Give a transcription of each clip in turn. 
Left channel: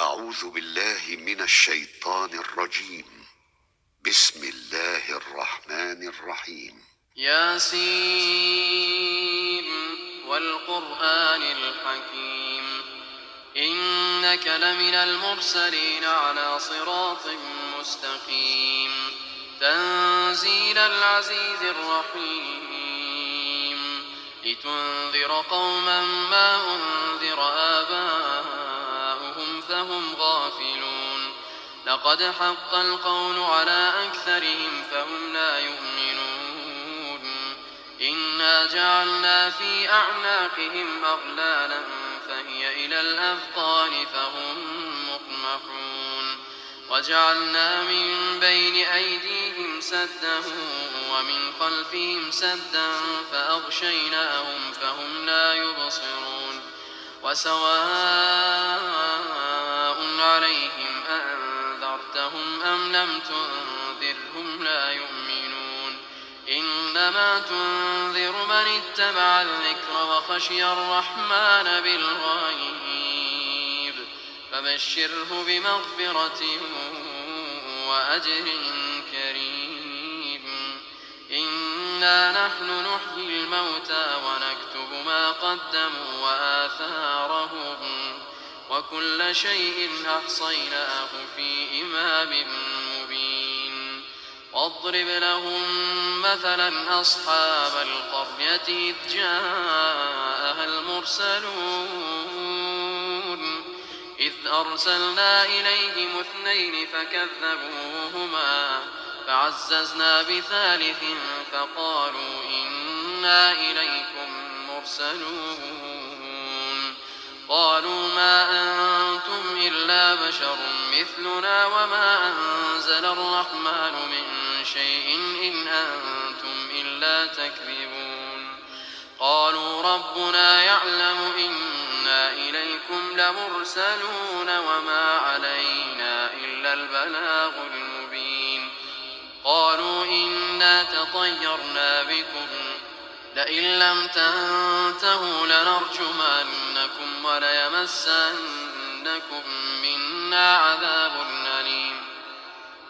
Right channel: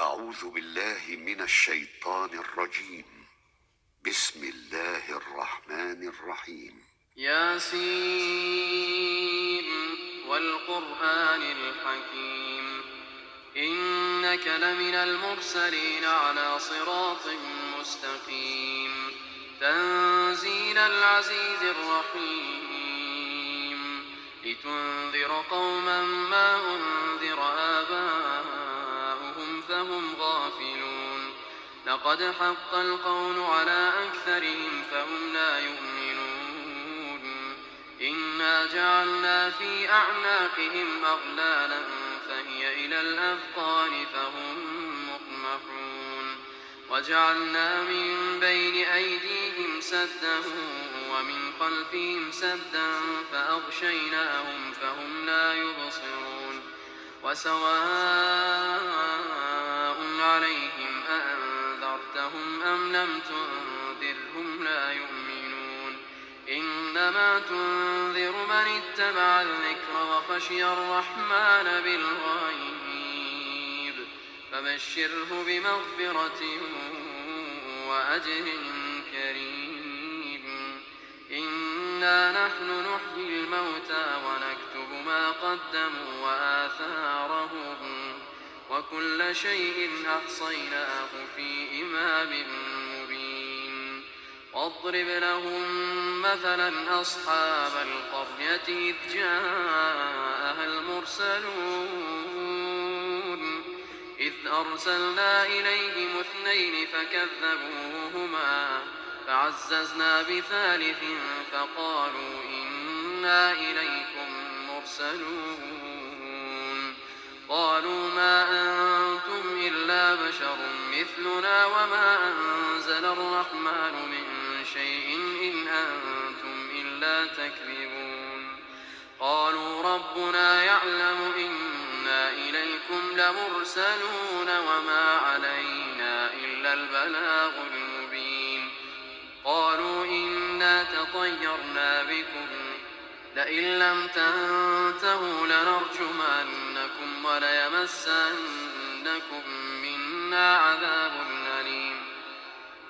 أعوذ بالله من الشيطان الرجيم. بسم الله الرحمن الرحيم. ياسين والقرآن الحكيم إنك لمن المرسلين على صراط مستقيم تنزيل العزيز الرحيم لتنذر قوما ما أنذر آباؤهم فهم غافلون لقد حق القول على أكثرهم فهم لا يؤمنون إنا جعلنا في أعناقهم أغلالا فهي إلى الأذقان فهم مقمحون وجعلنا من بين أيديهم سدا ومن خلفهم سدا فأغشيناهم فهم لا يبصرون وسواء عليهم أأنذرتهم أم لم تنذرهم لا يؤمنون إنما تنذر من اتبع الذكر وخشي الرحمن بالغيب فبشره بمغفرة وأجر كريم إنا نحن نحيي الموتى ونكتب ما قدموا وآثارهم وكل شيء أحصيناه في إمام مبين واضرب لهم مثلا أصحاب القرية إذ جاءها المرسلون إذ أرسلنا إليهم اثنين فكذبوهما فعززنا بثالث فقالوا إنا إليكم مرسلون قالوا ما أنتم إلا بشر مثلنا وما أنزل الرحمن من شيء إن أنتم إلا تكذبون قالوا ربنا يعلم إنا إليكم لمرسلون وما علينا إلا البلاغ المبين قالوا إنا تطيرنا بكم لئن لم تنتهوا لنرجمنكم وليمسنكم منا عذاب أليم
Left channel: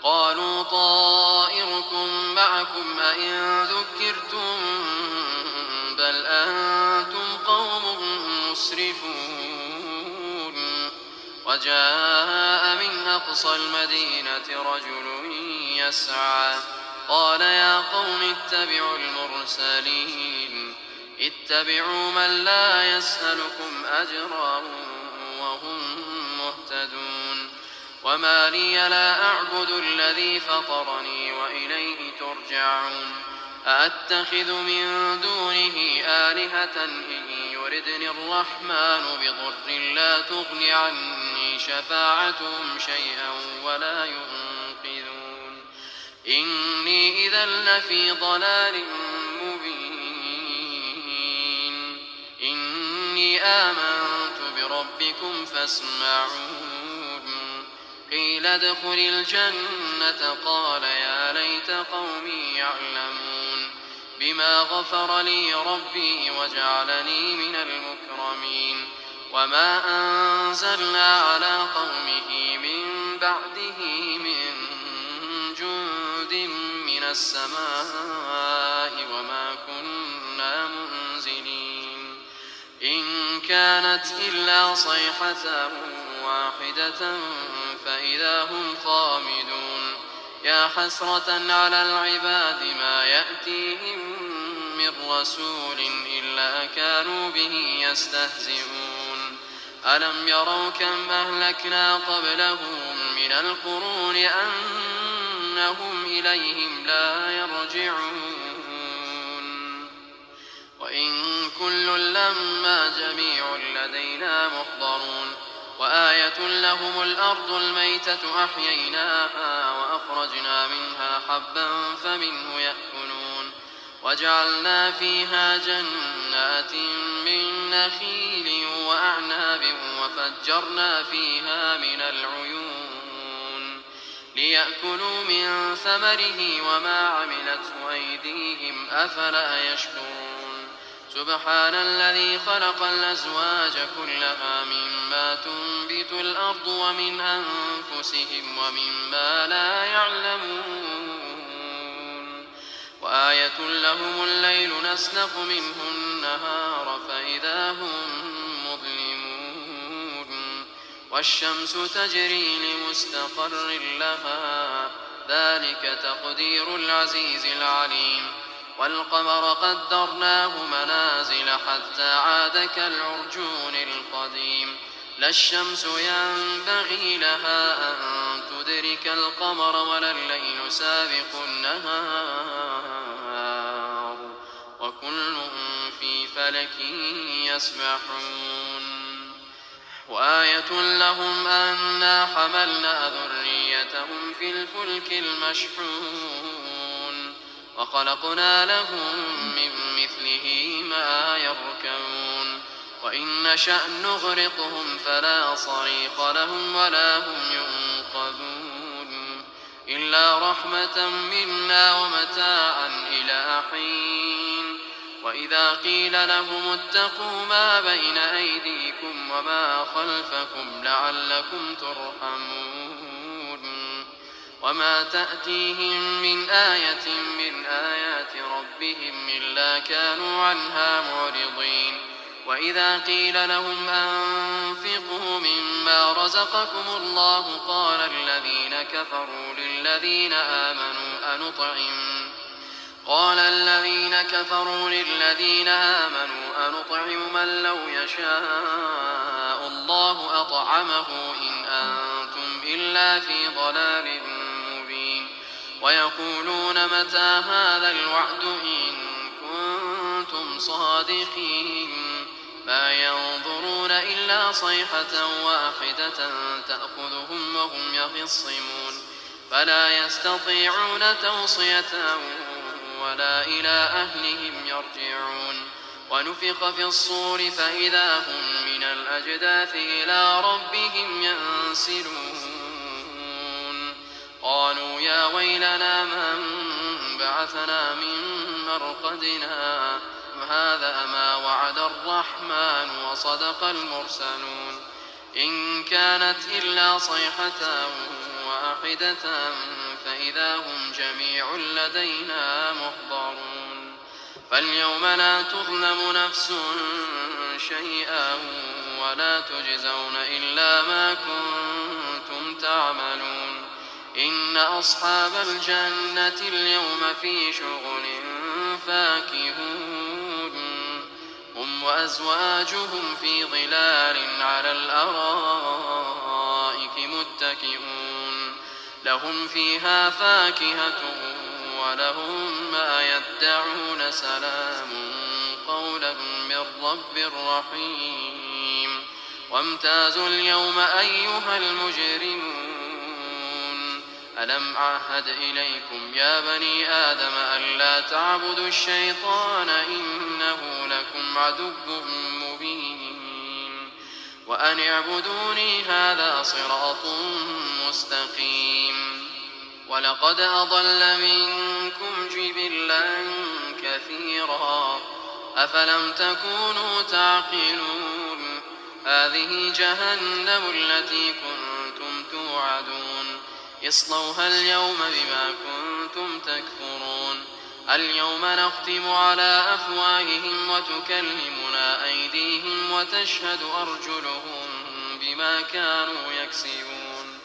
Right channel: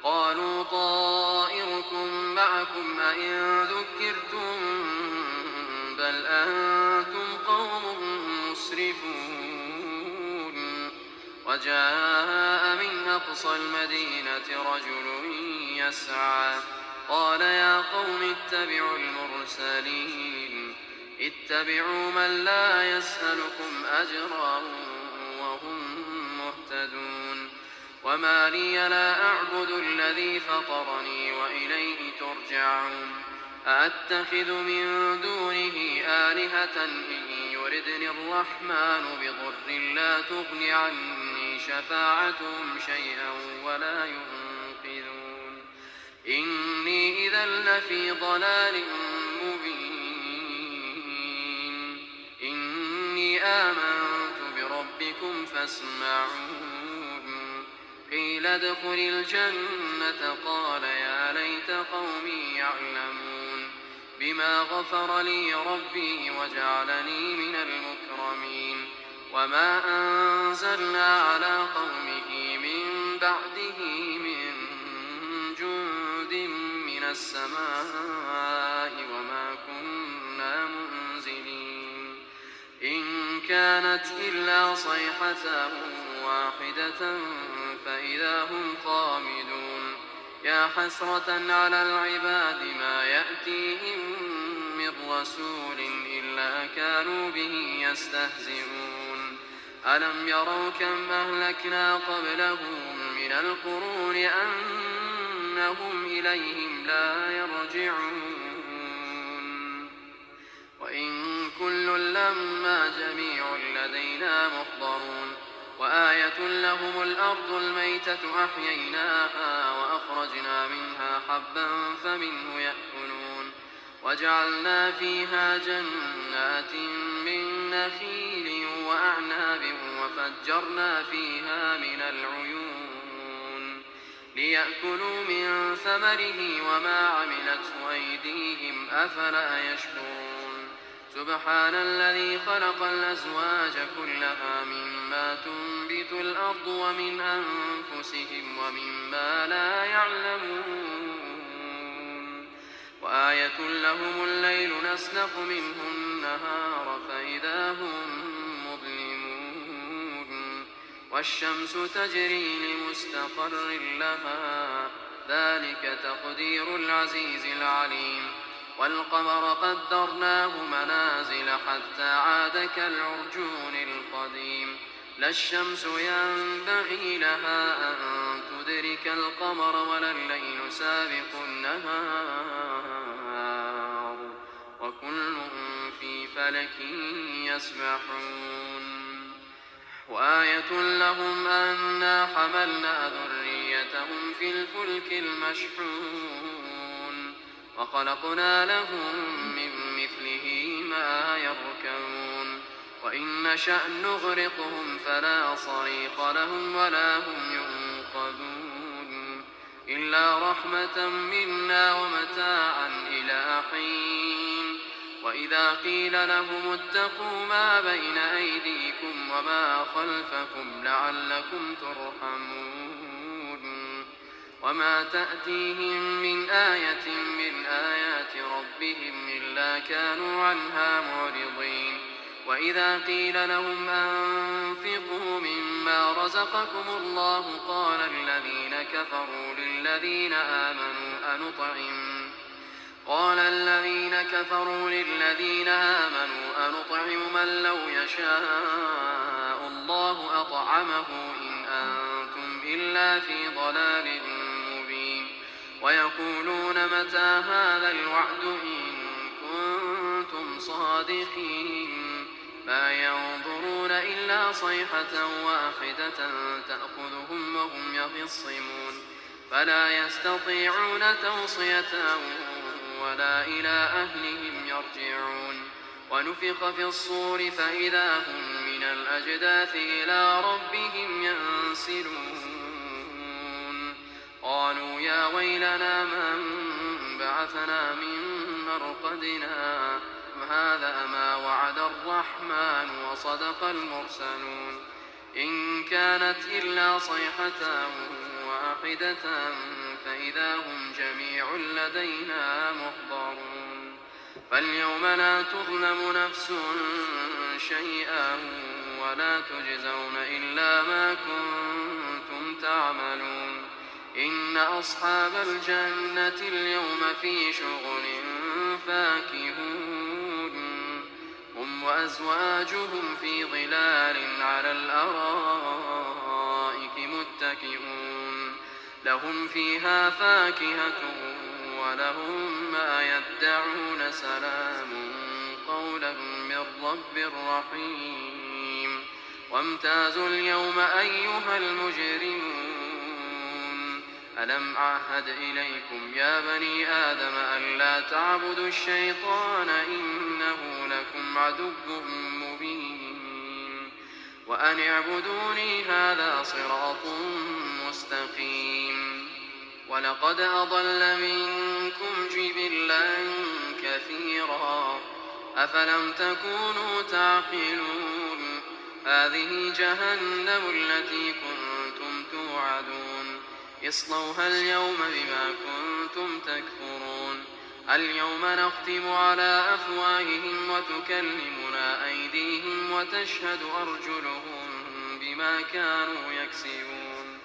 قالوا طائركم معكم أئن ذكرتم بل أنتم قوم مسرفون وجاء من أقصى المدينة رجل يسعى قال يا قوم اتبعوا المرسلين اتبعوا من لا يسألكم أجرا وهم مهتدون وما لي لا أعبد الذي فطرني وإليه ترجعون أأتخذ من دونه آلهة إن يردني الرحمن بضر لا تغن عني شفاعتهم شيئا ولا ينقذون إني إذا لفي ضلال مبين إني آمنت بربكم فاسمعون قيل ادخل الجنة قال يا ليت قومي يعلمون بما غفر لي ربي وجعلني من المكرمين وما أنزلنا على قومه من بعده من جند من السماء وما كنا منزلين إن كانت إلا صيحة واحدة فإذا هم خامدون يا حسرة على العباد ما يأتيهم من رسول إلا كانوا به يستهزئون ألم يروا كم أهلكنا قبلهم من القرون أنهم إليهم لا يرجعون وإن كل لما جميع لدينا محضرون وآية لهم الأرض الميتة أحييناها وأخرجنا منها حبا فمنه يأكلون وجعلنا فيها جنات من نخيل وأعناب وفجرنا فيها من العيون ليأكلوا من ثمره وما عملته أيديهم أفلا يشكرون سبحان الذي خلق الأزواج كلها مما تنبت الأرض ومن أنفسهم ومما لا يعلمون وآية لهم الليل نسلخ منه النهار فإذا هم مظلمون والشمس تجري لمستقر لها ذلك تقدير العزيز العليم والقمر قدرناه منازل حتى عاد كالعرجون القديم لا الشمس ينبغي لها أن تدرك القمر ولا الليل سابق النهار وكل في فلك يسبحون وآية لهم أنا حملنا ذريتهم في الفلك المشحون وخلقنا لهم من مثله ما يركبون وإن نشأ نغرقهم فلا صريخ لهم ولا هم ينقذون إلا رحمة منا ومتاعا إلى حين وإذا قيل لهم اتقوا ما بين أيديكم وما خلفكم لعلكم ترحمون وما تأتيهم من آية من آيات ربهم إلا كانوا عنها معرضين وإذا قيل لهم أنفقوا مما رزقكم الله قال الذين كفروا للذين آمنوا أنطعم من لو يشاء الله أطعمه إن أنتم إلا في ضلال مبين ويقولون متى هذا الوعد إن كنتم صادقين ما ينظرون إلا صيحة واحدة تأخذهم وهم يخصمون فلا يستطيعون توصية ولا إلى أهلهم يرجعون ونفخ في الصور فإذا هم من الأجداث إلى ربهم ينسلون قالوا يا ويلنا من بعثنا من مرقدنا هذا ما وعد الرحمن وصدق المرسلون إن كانت إلا صيحة واحدة فإذا هم جميع لدينا محضرون فاليوم لا تظلم نفس شيئا ولا تجزون إلا ما كنتم تعملون إن أصحاب الجنة اليوم في شغل فاكهون هم وأزواجهم في ظلال على الأرائك متكئون لهم فيها فاكهة ولهم ما يدعون سلام قولا من رب رحيم وامتازوا اليوم أيها المجرمون ألم أعهد إليكم يا بني آدم ألا تعبدوا الشيطان إنه لكم عدو مبين وأن اعبدوني هذا صراط مستقيم ولقد أضل منكم جبلا كثيرا أفلم تكونوا تعقلون هذه جهنم التي كنتم توعدون اصلوها اليوم بما كنتم تكفرون اليوم نختم على أفواههم وتكلمنا أيديهم وتشهد أرجلهم بما كانوا يكسبون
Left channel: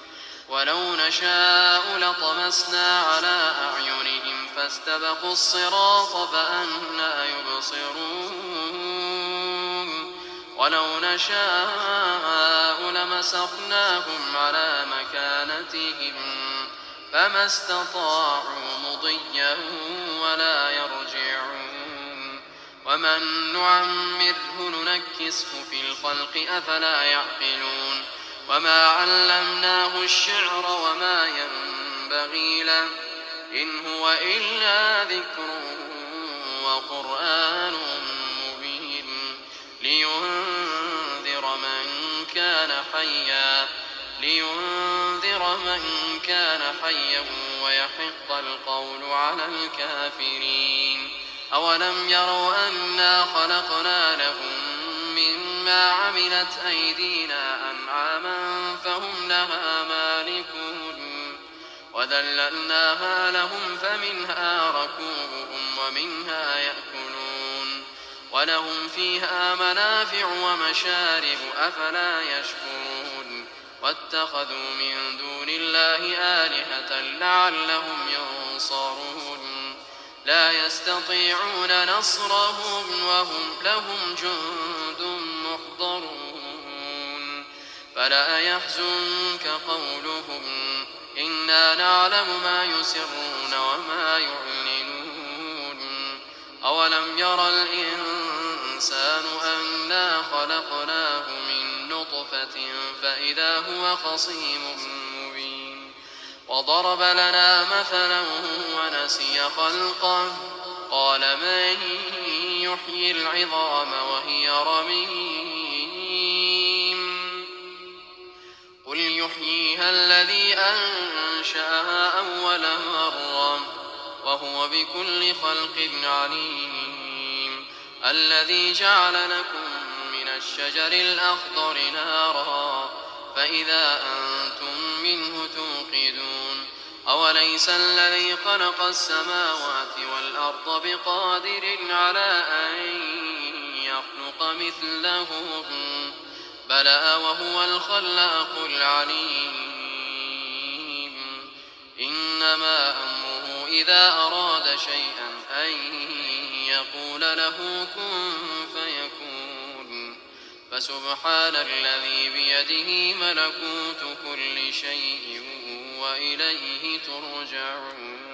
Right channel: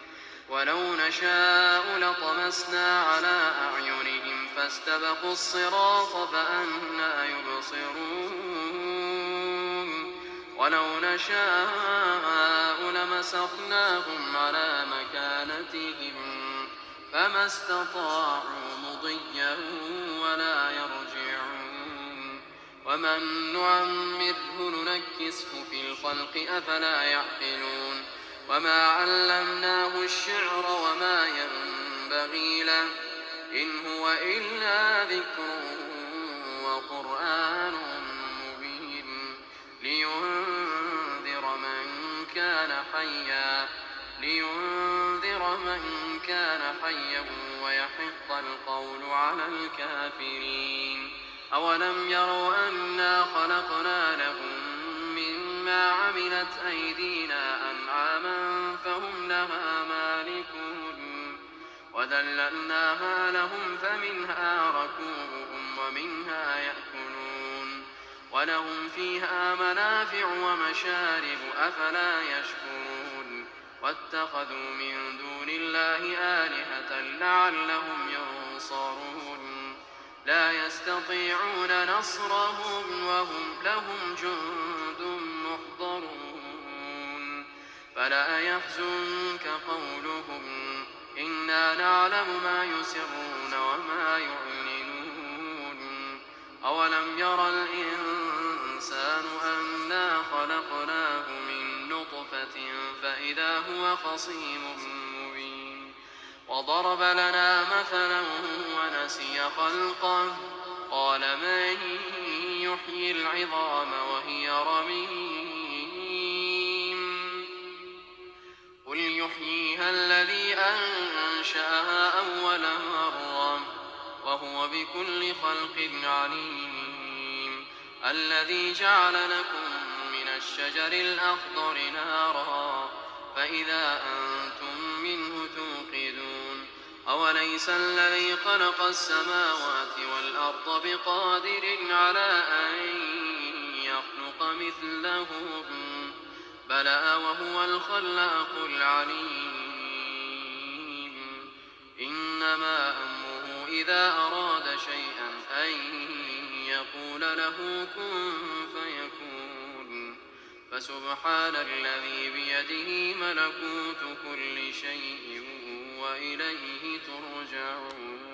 ولو نشاء لطمسنا على أعينهم فاستبقوا الصراط فأنى يبصرون ولو نشاء لمسخناهم على مكانتهم فما استطاعوا مضيا ولا يرجعون ومن نعمره ننكسه في الخلق أفلا يعقلون وما علمناه الشعر وما ينبغي له إن هو إلا ذكر وقرآن مبين لينذر من كان حيا ويحق القول على الكافرين أولم يروا أنا خلقنا لهم مما عملت أيدينا أنعاما فهم لها مالكون وذللناها لهم فمنها ركوبهم ومنها يأكلون ولهم فيها منافع ومشارب أفلا يشكرون واتخذوا من دون الله آلهة لعلهم ينصرون لا يستطيعون نصرهم وهم لهم جند محضرون فلا يحزنك قولهم إنا نعلم ما يسرون وما يعلنون أولم ير الإنسان أنا خلقناه من نطفة فإذا هو خصيم مبين وضرب لنا مثلا ونسي خلقه قال من يحيي العظام وهي رميم قل يحييها الذي أنشأها أول مرة وهو بكل خلق عليم الذي جعل لكم من الشجر الأخضر نارا فإذا أنتم منه توقدون أوليس الذي خلق السماوات والأرض بقادر على أن يخلق مثلهم بلى وهو الخلاق العليم إنما أمره إذا أراد شيئا أن يقول له كن فيكون فسبحان الذي بيده ملكوت كل شيء وإليه ترجعون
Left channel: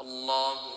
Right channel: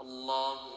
الله